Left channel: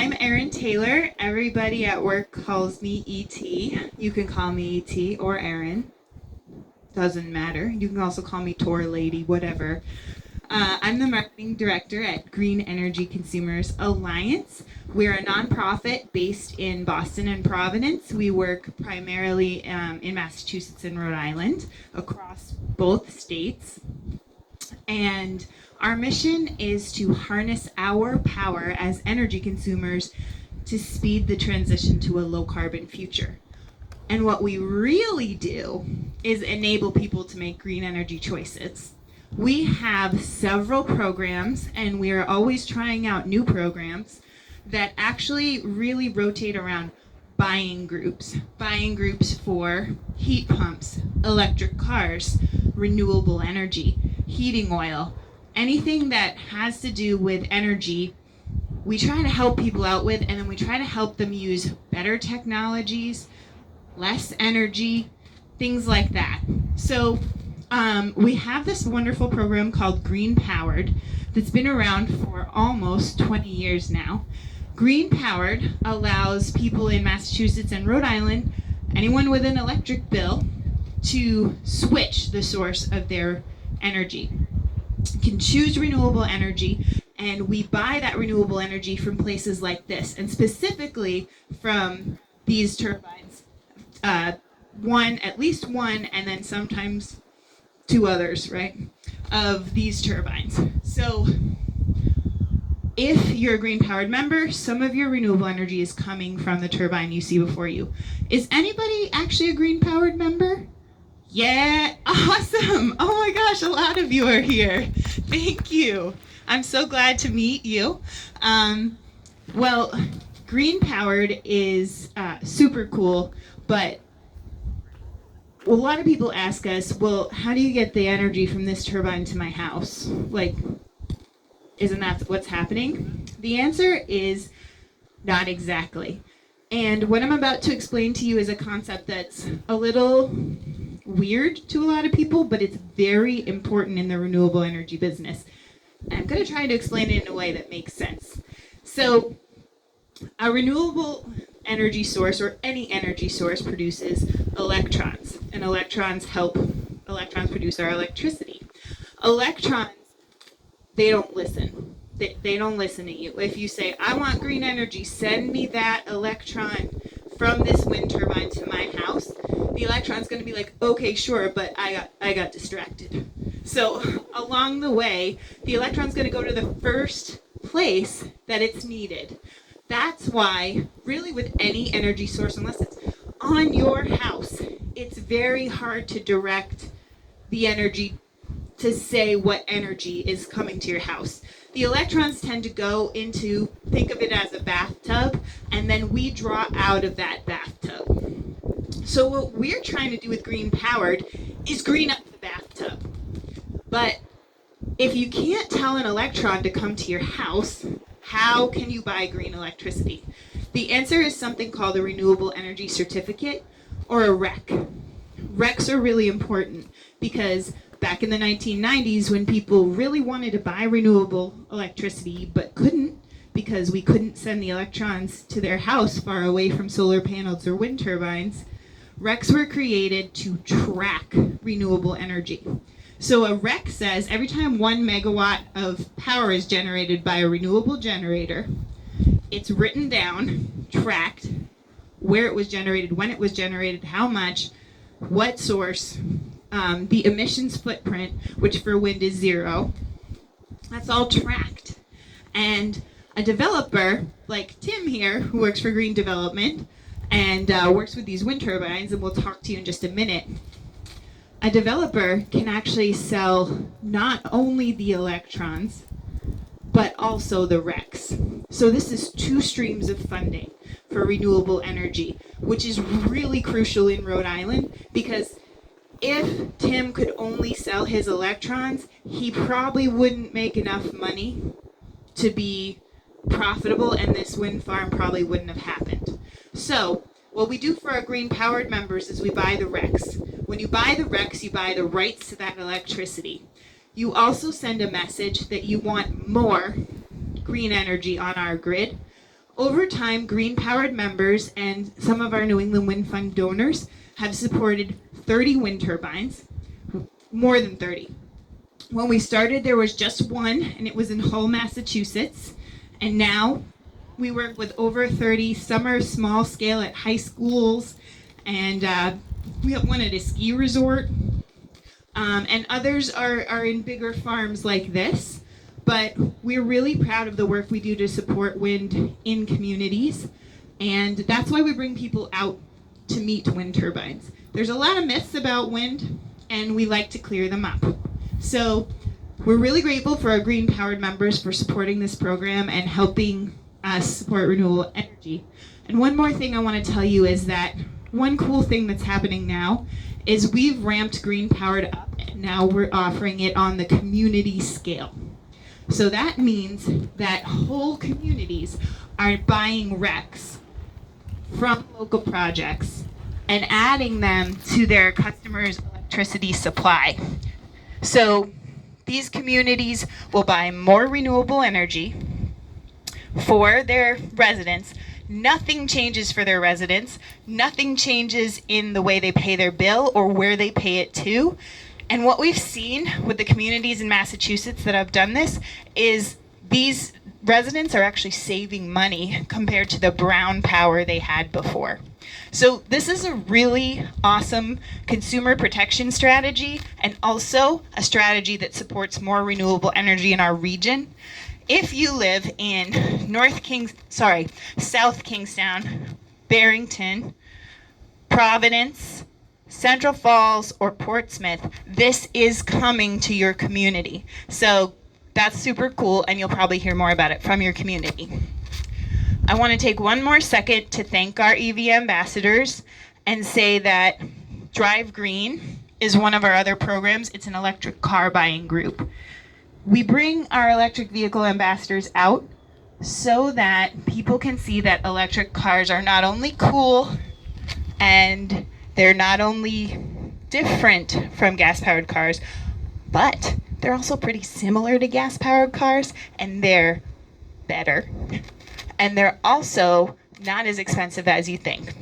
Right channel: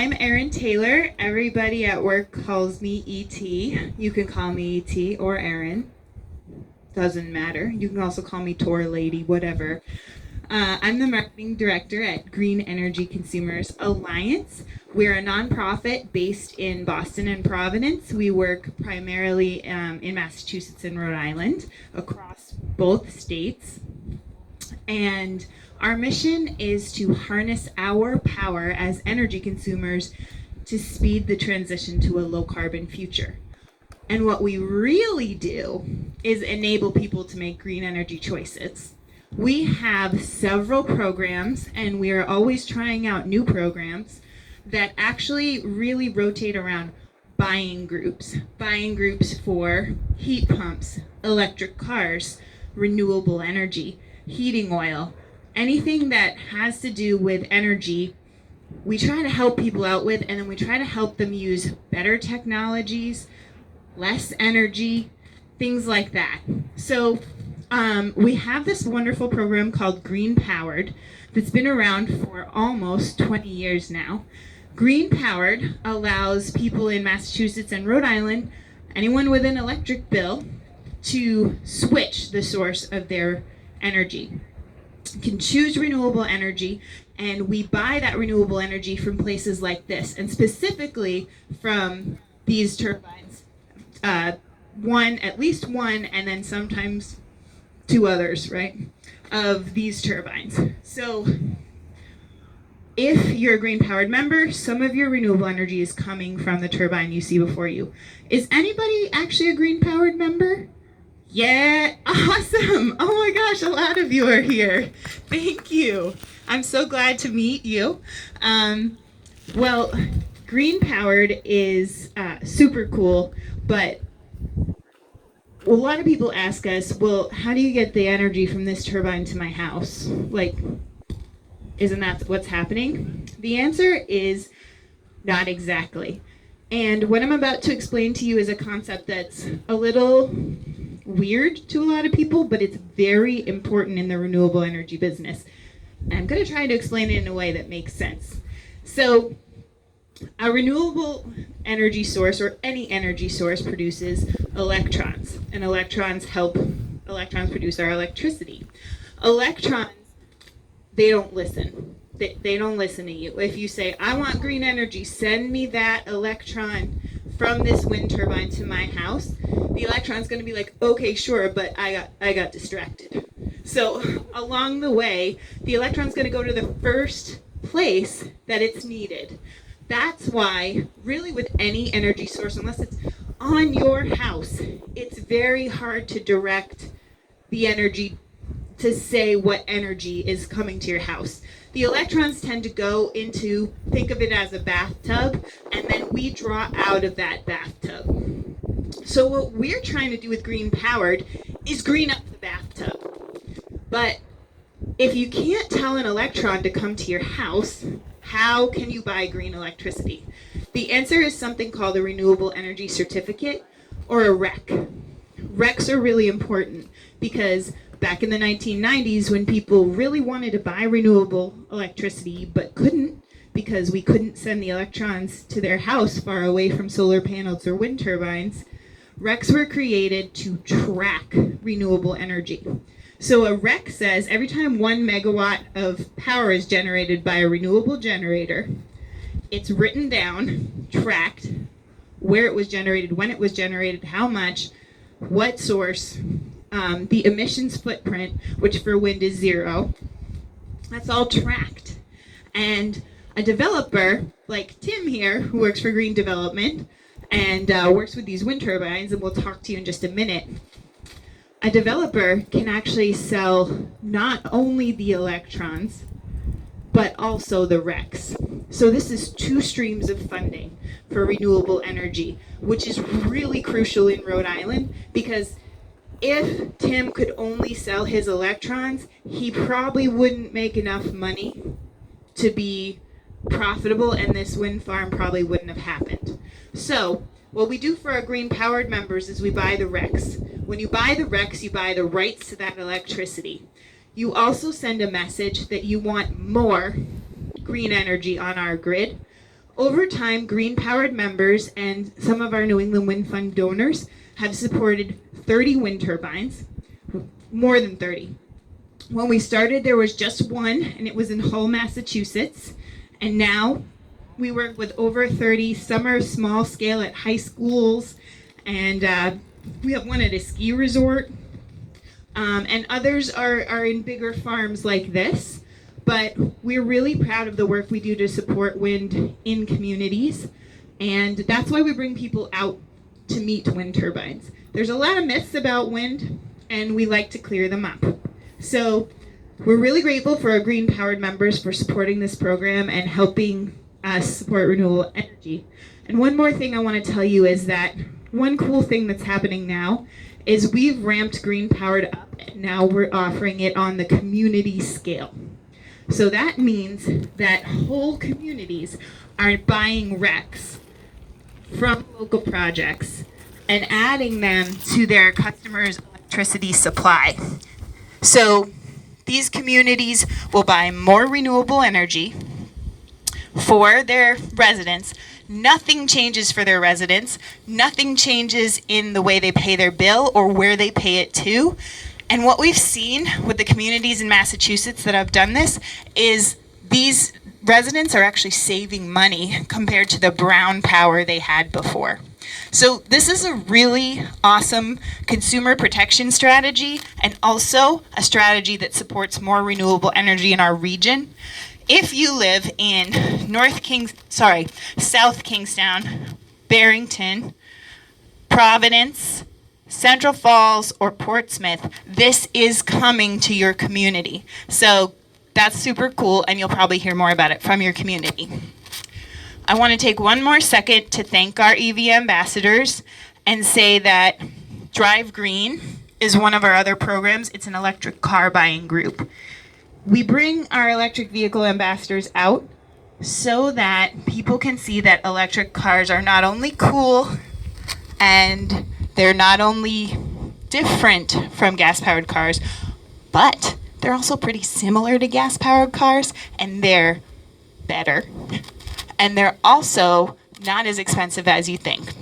I'm Erin Taylor. Everybody at work calls me E.T. You can call me E.T. or Erin. Doesn't matter. You can also call me Tor Lady, whatever. I'm the marketing director at Green Energy Consumers Alliance. We're a nonprofit based in Boston and Providence. We work primarily in Massachusetts and Rhode Island, across both states. And our mission is to harness our power as energy consumers to speed the transition to a low carbon future. And what we really do is enable people to make green energy choices. We have several programs, and we are always trying out new programs that actually really rotate around buying groups for heat pumps, electric cars, renewable energy, heating oil, anything that has to do with energy. We try to help people out with, and then we try to help them use better technologies, less energy, things like that. So we have this wonderful program called Green Powered that's been around for almost 20 years now. Green Powered allows people in Massachusetts and Rhode Island, anyone with an electric bill, to switch the source of their energy. You can choose renewable energy, and we buy that renewable energy from places like this, and specifically from these turbines. At least one, and then sometimes two others, right, of these turbines. So if you're a Green Powered member, some of your renewable energy is coming from the turbine you see before you. Is anybody actually a Green Powered member? Yeah, awesome. Oh my gosh, a lot of you are here. Thank you. I'm so glad to meet you. Well, Green Powered is super cool, but a lot of people ask us, well, how do you get the energy from this turbine to my house? Like, isn't that what's happening? The answer is not exactly. And what I'm about to explain to you is a concept that's a little weird to a lot of people, but it's very important in the renewable energy business. I'm going to try to explain it in a way that makes sense. So, a renewable energy source, or any energy source, produces electrons, and electrons produce our electricity. Electrons, they don't listen. They don't listen to you. If you say, I want green energy, send me that electron from this wind turbine to my house, the electron's going to be like, okay, sure, but I got distracted. So along the way, the electron's going to go to the first place that it's needed. That's why, really, with any energy source, unless it's on your house, it's very hard to direct the energy to say what energy is coming to your house. The electrons tend to go into, think of it as a bathtub, and then we draw out of that bathtub. So what we're trying to do with Green Powered is green up the bathtub. But if you can't tell an electron to come to your house, how can you buy green electricity? The answer is something called a renewable energy certificate, or a REC. RECs are really important because back in the 1990s, when people really wanted to buy renewable electricity but couldn't, because we couldn't send the electrons to their house far away from solar panels or wind turbines, RECs were created to track renewable energy. So a REC says every time 1 megawatt of power is generated by a renewable generator, it's written down, tracked, where it was generated, when it was generated, how much, what source, the emissions footprint, which for wind is 0. That's all tracked. And a developer like Tim here, who works for Green Development and works with these wind turbines, and we'll talk to you in just a minute, a developer can actually sell not only the electrons, but also the RECs. So this is 2 streams of funding for renewable energy, which is really crucial in Rhode Island, because if Tim could only sell his electrons, he probably wouldn't make enough money to be profitable, and this wind farm probably wouldn't have happened. So what we do for our Green Powered members is we buy the RECs. When you buy the RECs, you buy the rights to that electricity. You also send a message that you want more green energy on our grid, Over time, green-powered members and some of our New England Wind Fund donors have supported 30 wind turbines, more than 30. When we started, there was just one, and it was in Hull, Massachusetts. And now we work with over 30. Some are small scale at high schools, and we have one at a ski resort. And others are in bigger farms like this. But we're really proud of the work we do to support wind in communities. And that's why we bring people out to meet wind turbines. There's a lot of myths about wind, and we like to clear them up. So we're really grateful for our green-powered members for supporting this program and helping us support renewable energy. And one more thing I want to tell you is that one cool thing that's happening now is we've ramped green-powered up, and now we're offering it on the community scale. So that means that whole communities are buying RECs from local projects and adding them to their customers' electricity supply. So these communities will buy more renewable energy for their residents. Nothing changes for their residents. Nothing changes in the way they pay their bill or where they pay it to. And what we've seen with the communities in Massachusetts that have done this is these residents are actually saving money compared to the brown power they had before. So this is a really awesome consumer protection strategy and also a strategy that supports more renewable energy in our region. If you live in South Kingstown, Barrington, Providence, Central Falls, or Portsmouth, this is coming to your community. So that's super cool, and you'll probably hear more about it from your community. I want to take one more second to thank our EV ambassadors and say that Drive Green is one of our other programs. It's an electric car buying group. We bring our electric vehicle ambassadors out so that people can see that electric cars are not only cool and they're not only different from gas-powered cars, but they're also pretty similar to gas-powered cars, and they're better. And they're also not as expensive as you think.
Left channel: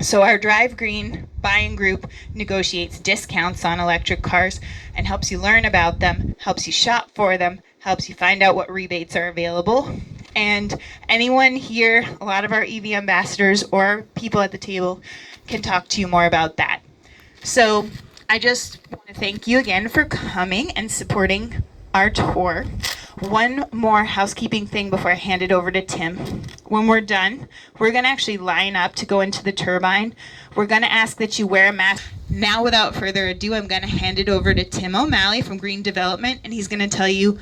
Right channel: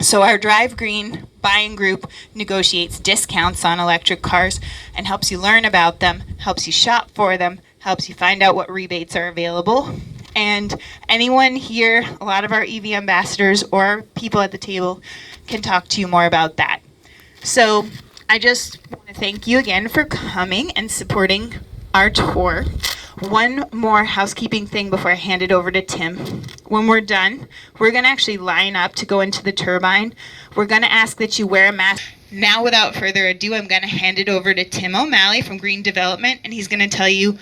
So our Drive Green buying group negotiates discounts on electric cars and helps you learn about them, helps you shop for them, helps you find out what rebates are available. And anyone here, a lot of our EV ambassadors or people at the table can talk to you more about that. So I just want to thank you again for coming and supporting our tour. One more housekeeping thing before I hand it over to Tim. When we're done, we're going to actually line up to go into the turbine. We're going to ask that you wear a mask. Now, without further ado, I'm going to hand it over to Tim O'Malley from Green Development, and he's going to tell you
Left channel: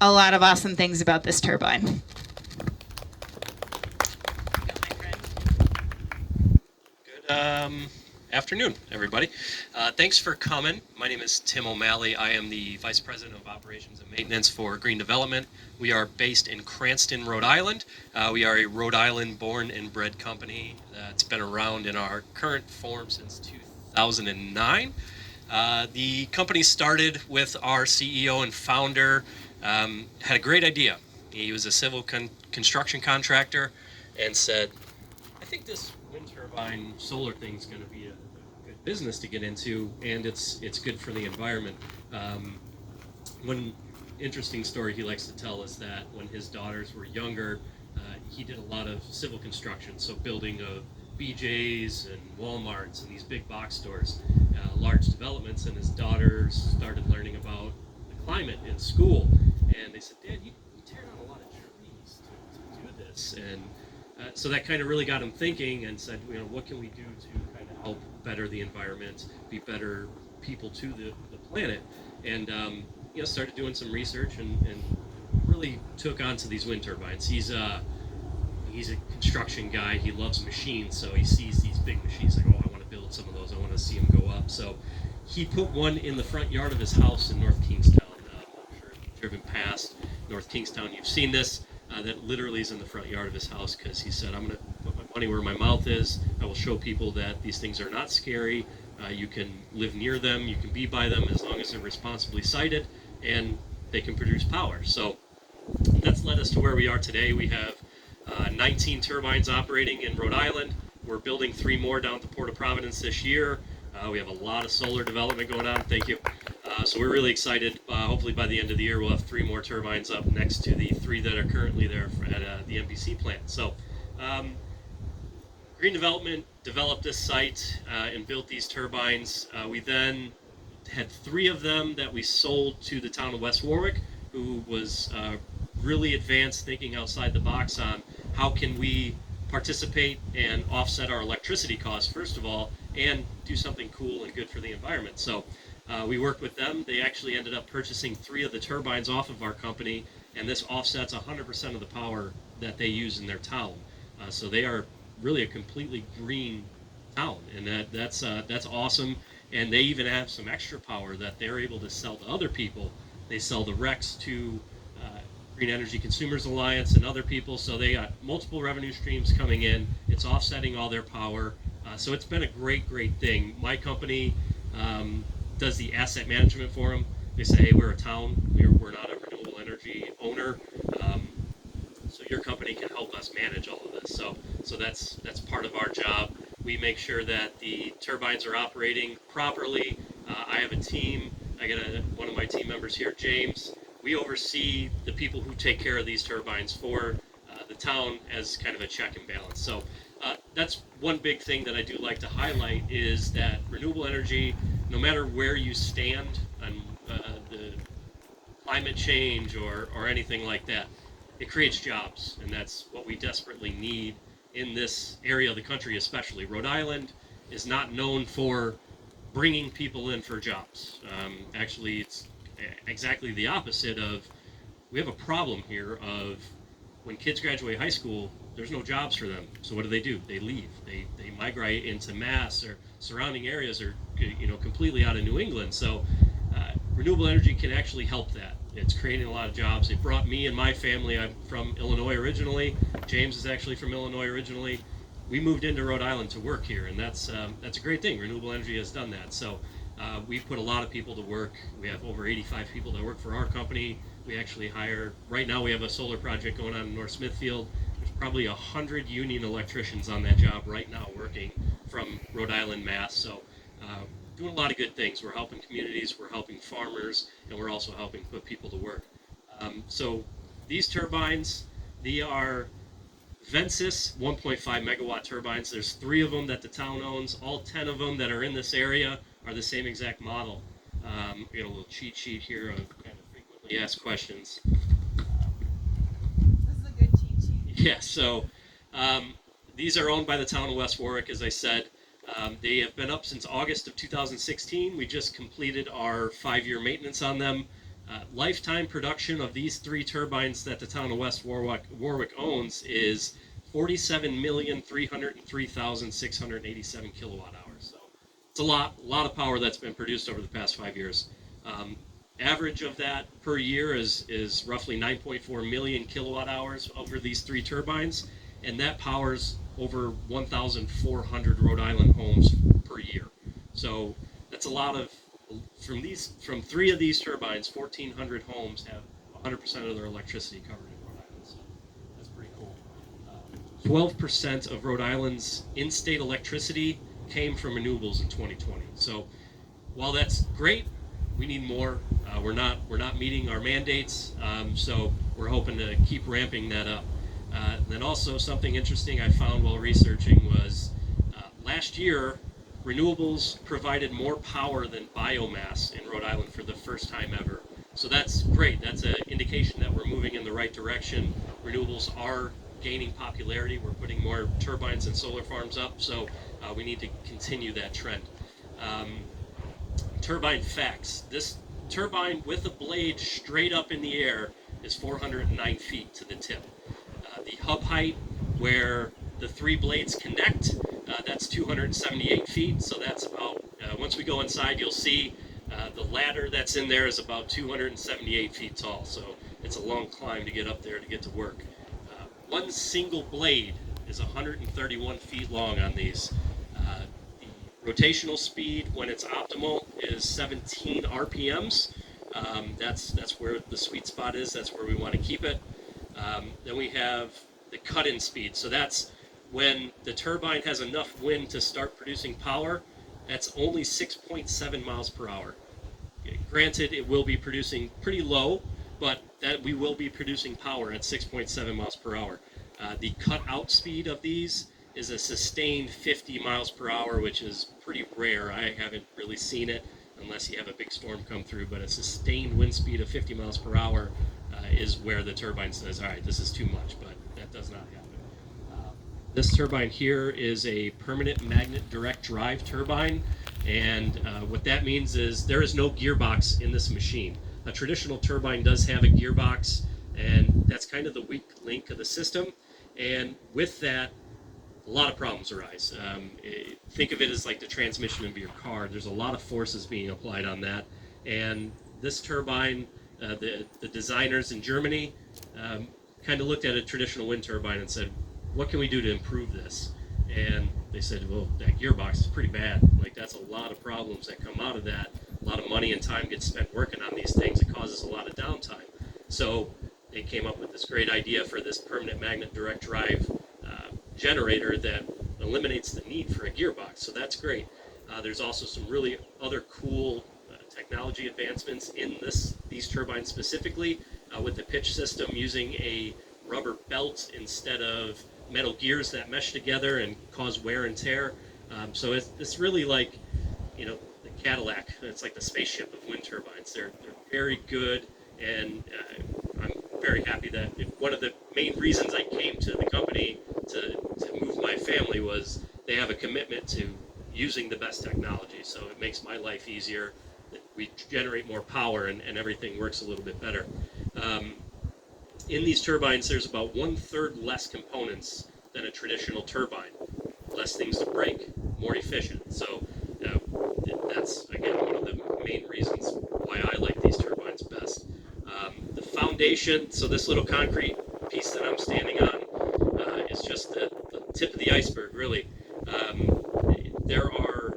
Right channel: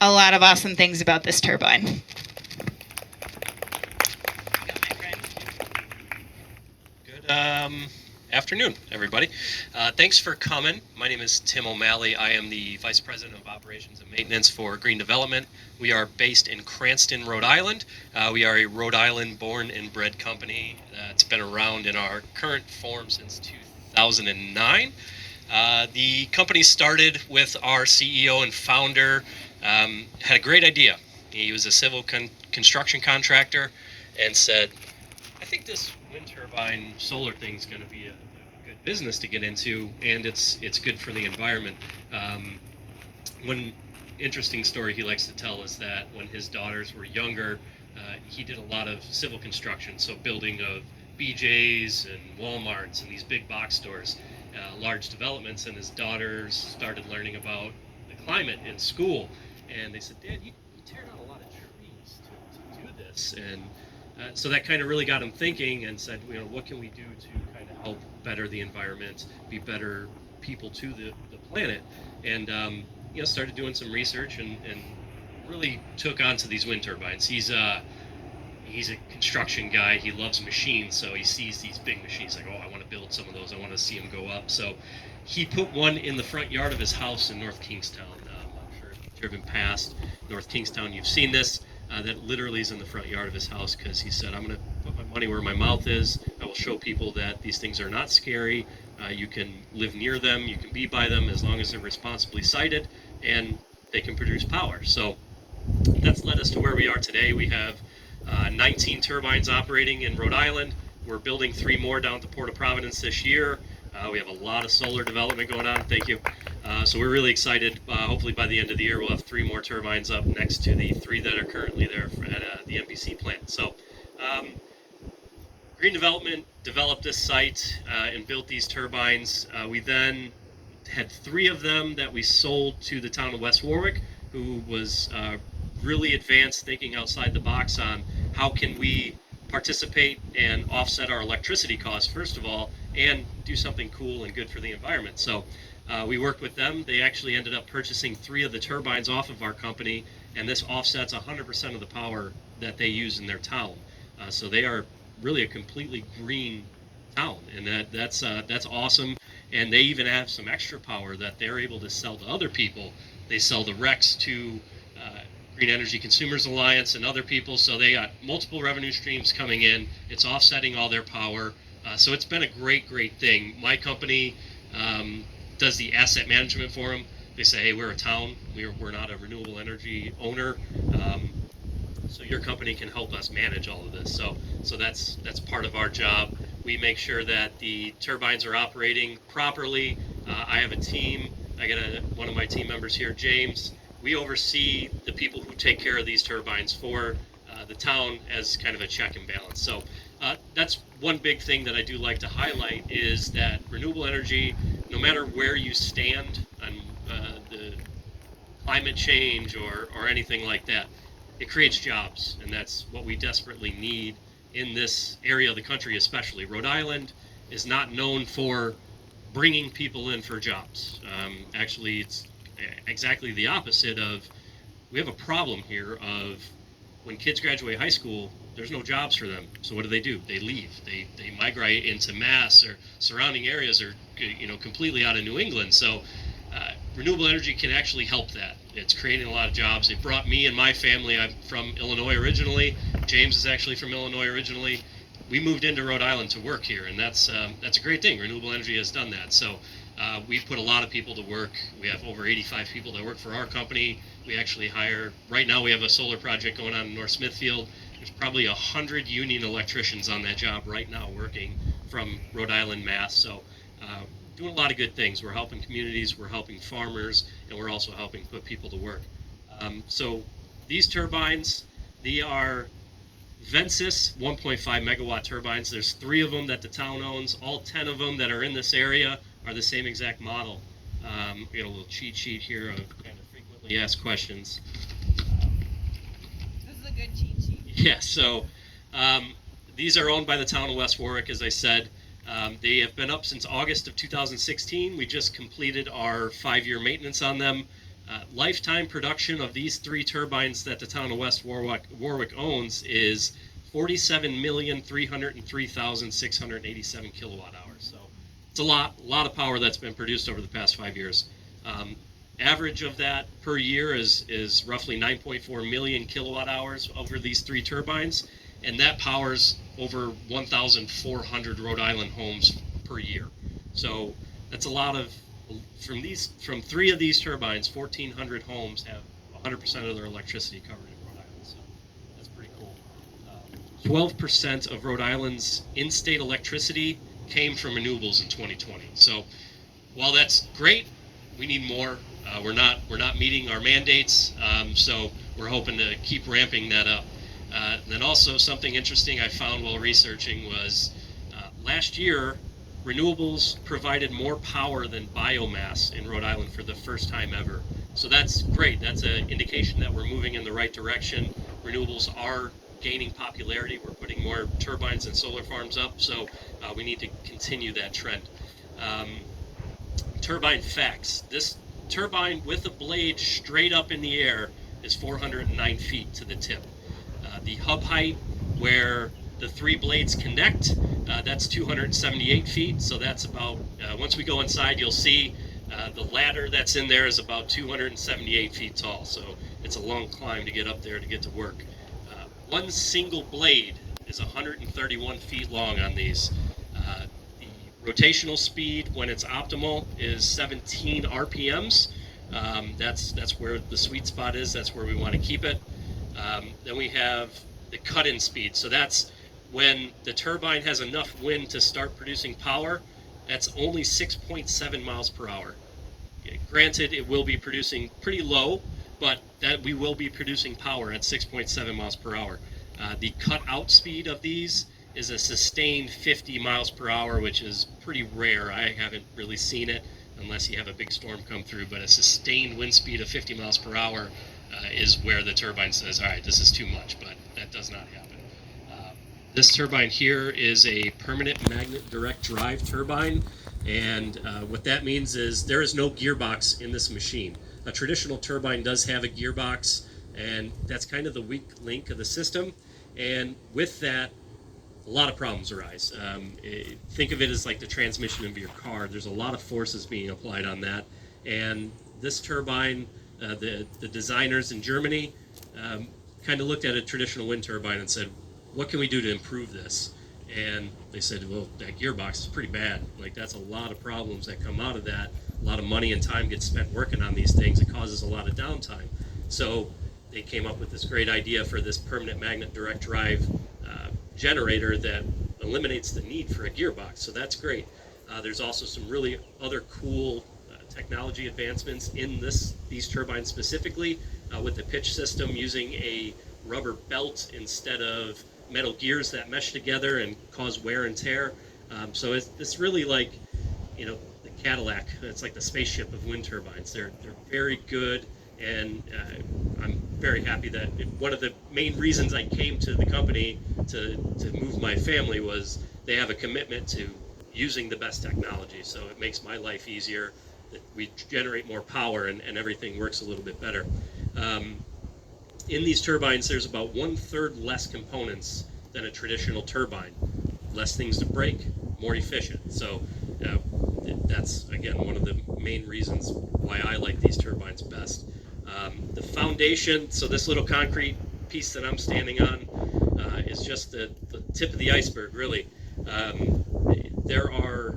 a lot of awesome things about this turbine. Good afternoon, everybody. Thanks for coming. My name is Tim O'Malley. I am the Vice President of Operations and Maintenance for Green Development. We are based in Cranston, Rhode Island. We are a Rhode Island born and bred company that's been around in our current form since 2009. The company started with our CEO and founder, had a great idea. He was a civil construction contractor and said, I think this wind turbine solar thing's going to be a good business to get into, and it's good for the environment. One interesting story he likes to tell is that when his daughters were younger, he did a lot of civil construction, so building of BJ's and Walmarts and these big box stores, large developments, and his daughters started learning about the climate in school, and they said, Dad, you tear down a lot of trees to do this, and so that kind of really got him thinking and said, what can we do to kind of help better the environment, be better people to the planet, and started doing some research and really took on to these wind turbines. He's a construction guy. He loves machines, so he sees these big machines like, I want to build some of those. I want to see them go up. So he put one in the front yard of his house in North Kingstown. I'm sure if you've driven past North Kingstown, you've seen this. That literally is in the front yard of his house because he said, I'm going to put my money where my mouth is. I will show people that these things are not scary. You can live near them. You can be by them as long as they're responsibly sited and they can produce power. So that's led us to where we are today. We have 19 turbines operating in Rhode Island. We're building 3 more down at the Port of Providence this year. We have a lot of solar development going on. Thank you. So we're really excited. Hopefully by the end of the year, we'll have 3 more turbines up next to the 3 that are currently there at the NBC plant. So Green Development developed this site and built these turbines. We then had 3 of them that we sold to the town of West Warwick, who was really advanced, thinking outside the box on how can we participate and offset our electricity costs, first of all, and do something cool and good for the environment. So we worked with them. They actually ended up purchasing 3 of the turbines off of our company, and this offsets 100% of the power that they use in their town. So they are really a completely green town, and that's awesome. And they even have some extra power that they're able to sell to other people. They sell the RECs to Green Energy Consumers Alliance and other people, so they got multiple revenue streams coming in. It's offsetting all their power, so it's been a great thing. My company does the asset management for them. They say, hey, we're a town, we're not a renewable energy owner, so your company can help us manage all of this. So that's part of our job. We make sure that the turbines are operating properly. I have a team. I got one of my team members here, James. We oversee the people who take care of these turbines for the town as kind of a check and balance. So that's one big thing that I do like to highlight, is that renewable energy, no matter where you stand on the climate change or anything like that, it creates jobs, and that's what we desperately need in this area of the country especially. Rhode Island is not known for bringing people in for jobs. Actually, it's exactly the opposite of, we have a problem here of when kids graduate high school, there's no jobs for them. So what do? They leave. They migrate into Mass or surrounding areas, or completely out of New England. So renewable energy can actually help that. It's creating a lot of jobs. It brought me and my family. I'm from Illinois originally. James is actually from Illinois originally. We moved into Rhode Island to work here, and that's a great thing. Renewable energy has done that. So we've put a lot of people to work. We have over 85 people that work for our company. We actually hire, right now we have a solar project going on in North Smithfield. There's probably 100 union electricians on that job right now working from Rhode Island, Mass. So doing a lot of good things. We're helping communities, we're helping farmers, and we're also helping put people to work. So these turbines, they are Vensis 1.5 megawatt turbines. There's 3 of them that the town owns. All 10 of them that are in this area are the same exact model. We got a little cheat sheet here of kind of frequently asked questions. This is a good cheat sheet. Yeah, so these are owned by the town of West Warwick, as I said. They have been up since August of 2016. We just completed our 5-year maintenance on them. Lifetime production of these 3 turbines that the town of West Warwick owns is 47,303,687 kilowatt hours. So it's a lot of power that's been produced over the past 5 years. Average of that per year is roughly 9.4 million kilowatt hours over these 3 turbines, and that powers over 1,400 Rhode Island homes per year. So that's a lot of, from 3 of these turbines, 1,400 homes have 100% of their electricity covered in Rhode Island. So that's pretty cool. 12% of Rhode Island's in-state electricity came from renewables in 2020. So while that's great, we need more. We're not meeting our mandates, so we're hoping to keep ramping that up. And then also something interesting I found while researching was last year, renewables provided more power than biomass in Rhode Island for the first time ever. So that's great. That's an indication that we're moving in the right direction. Renewables are gaining popularity. We're putting more turbines and solar farms up, so we need to continue that trend. Turbine Facts. This turbine with a blade straight up in the air is 409 feet to the tip. The hub height where the 3 blades connect, that's 278 feet. So that's about, once we go inside, you'll see the ladder that's in there is about 278 feet tall. So it's a long climb to get up there to get to work. One single blade is 131 feet long on these. The rotational speed when it's optimal is 17 RPMs. That's where the sweet spot is. That's where we want to keep it. Then we have the cut-in speed. So that's when the turbine has enough wind to start producing power. That's only 6.7 miles per hour. Granted, it will be producing pretty low, but that we will be producing power at 6.7 miles per hour. The cut-out speed of these is a sustained 50 miles per hour, which is pretty rare. I haven't really seen it unless you have a big storm come through, but a sustained wind speed of 50 miles per hour is where the turbine says, all right, this is too much, but that does not happen. This turbine here is a permanent magnet direct drive turbine, and what that means is there is no gearbox in this machine. A traditional turbine does have a gearbox, and that's kind of the weak link of the system, and with that, a lot of problems arise. Think of it as like the transmission of your car. There's a lot of forces being applied on that, and this turbine, the designers in Germany kind of looked at a traditional wind turbine and said, what can we do to improve this? And they said, well, that gearbox is pretty bad. Like, that's a lot of problems that come out of that. A lot of money and time gets spent working on these things. It causes a lot of downtime. So they came up with this great idea for this permanent magnet direct drive generator that eliminates the need for a gearbox. So that's great. There's also some really other cool technology advancements in these turbines specifically with the pitch system using a rubber belt instead of metal gears that mesh together and cause wear and tear. So it's really like, you know, the Cadillac. It's like the spaceship of wind turbines. They're very good, and I'm very happy that one of the main reasons I came to the company to move my family was they have a commitment to using the best technology. So it makes my life easier. We generate more power, and everything works a little bit better. In these turbines, there's about 1/3 less components than a traditional turbine. Less things to break, more efficient. So that's, again, one of the main reasons why I like these turbines best. The foundation, so this little concrete piece that I'm standing on is just the tip of the iceberg, really. There are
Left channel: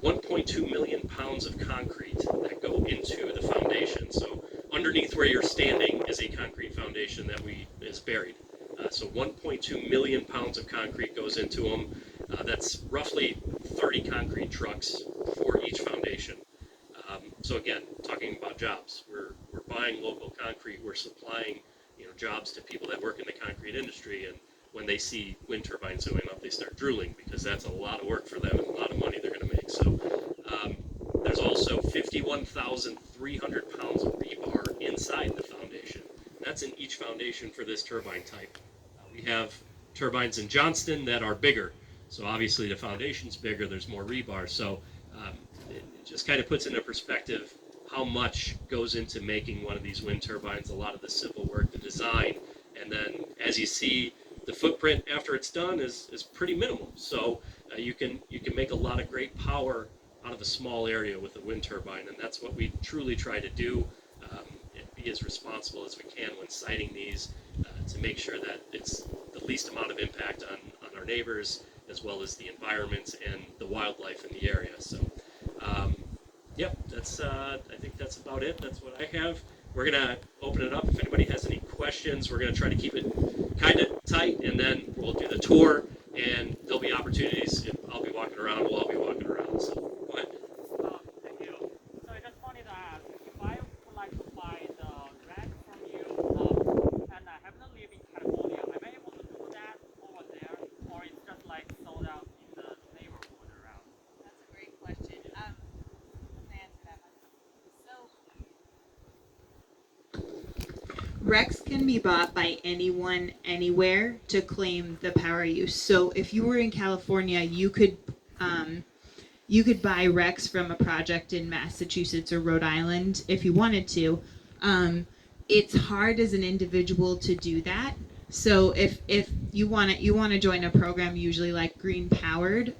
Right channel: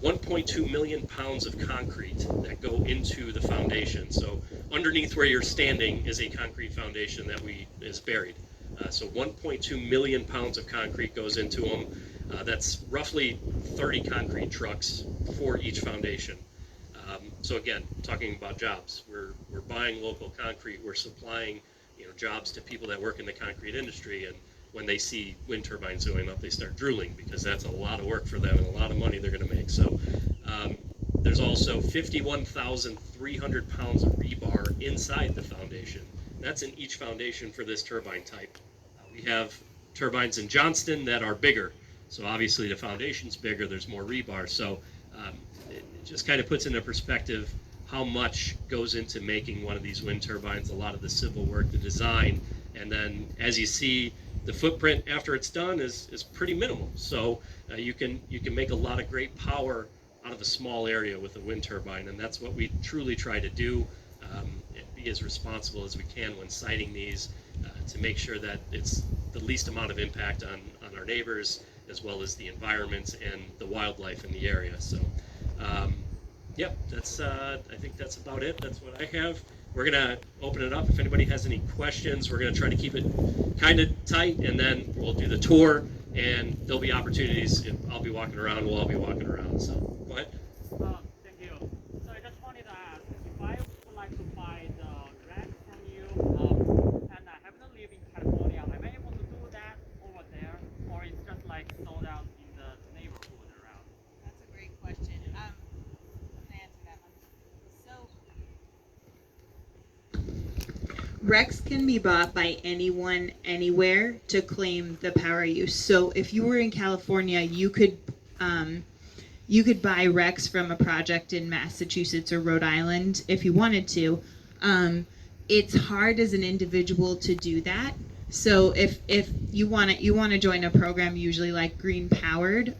1.2 million pounds of concrete that go into the foundation. So underneath where you're standing is a concrete foundation that is buried. So 1.2 million pounds of concrete goes into them. That's roughly 30 concrete trucks for each foundation. So again, talking about jobs, we're buying local concrete. We're supplying, jobs to people that work in the concrete industry, and when they see wind turbines going up, they start drooling because that's a lot of work for them and a lot of money they're going to make. So there's also 51,300 pounds of rebar inside the foundation. That's in each foundation for this turbine type. We have turbines in Johnston that are bigger. So obviously the foundation's bigger, there's more rebar. So it just kind of puts into perspective how much goes into making one of these wind turbines, a lot of the civil work, the design, and then as you see, the footprint after it's done is pretty minimal. So you can make a lot of great power out of a small area with a wind turbine, and that's what we truly try to do. Be as responsible as we can when siting these to make sure that it's the least amount of impact on our neighbors as well as the environment and the wildlife in the area. So yeah, that's I think that's about it. That's what I have. We're gonna open it up. If anybody has any questions, we're gonna try to keep it kind of tight, and then we'll do the tour, and there'll be opportunities. I'll be walking around. We'll all be walking around. So go ahead. Thank you. So I just wanted to ask, if I would like to buy the rack from you, and I happen to live in California, am I able to do that over there, or it's just like sold out in the neighborhood around? That's a great question. I'm gonna answer that one. So Recs can be bought by anyone, anywhere, to claim the power use. So if you were in California, you could buy Recs from a project in Massachusetts or Rhode Island if you wanted to. It's hard as an individual to do that. So if you want to join a program, usually like Green Powered,